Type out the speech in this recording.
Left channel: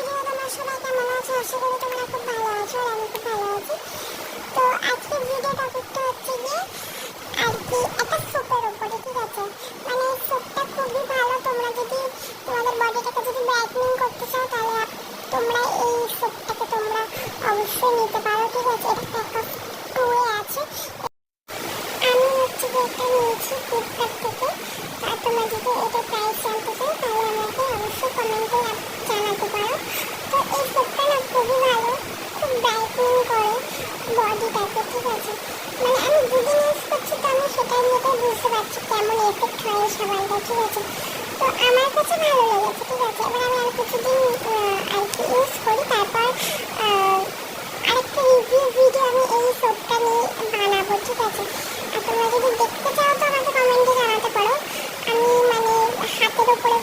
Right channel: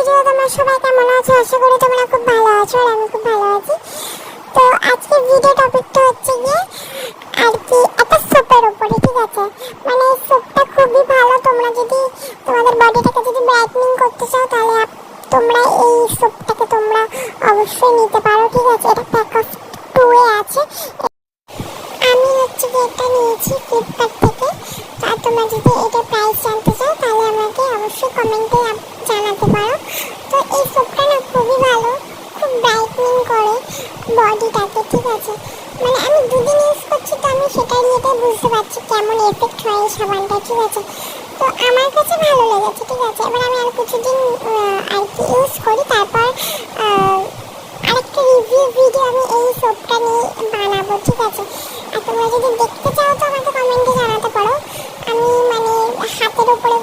Video. তোমরা সবাই কেমন আছো? আশা করি তোমরা খুব ভালো আছো আর আমি খুব ভালো আছি। তো আজকে ভিডিও টপিকটা হচ্ছে গিয়ে আর কি একটা সোপের উপরে, ঠিক আছে? মানে এই সোপটা খুবই ভালো। তোমরা যদি তোমাদের বডিটাকে যদি ব্রাইটনিং করতে চাও তাহলে তোমরা এই সোপটাকে তোমরা অবশ্যই নিতে পারো, ঠিক আছে? এটা প্যাক অফ 2 এ আছে। আমি হচ্ছে কি এটা নিয়েছি ফ্লিপকার্ট থেকে। আর তোমরা যদি এটা প্রাইস জানতে চাও তাহলে আমাকে অবশ্যই কমেন্টে জানাতে পারো। তো এই সোপটা না খুবই ভালো, খুব ব্রাইটনিং করে বডিটাকে, ঠিক আছে? মানে আমি দুদিন ইউজ করছি, তো আমি সেটা নিয়ে বুঝতে পারছি কেমন এফেক্ট হয় এই সাবানটা, ঠিক আছে? তো আমার কাছে ভালো লেগেছে, ঠিক আছে? এবার আমি আর কিছুদিন আর কি ইউজ করি, তারপর আরেকটা রিভিউ ভিডিও আমি এই সোপটা নিয়ে বানাবো, ঠিক আছে? আর তোমরা যদি দেখতে চাও তো আমাকে কমেন্টে জানাতে পারো। আমি মানে হাতের উপরে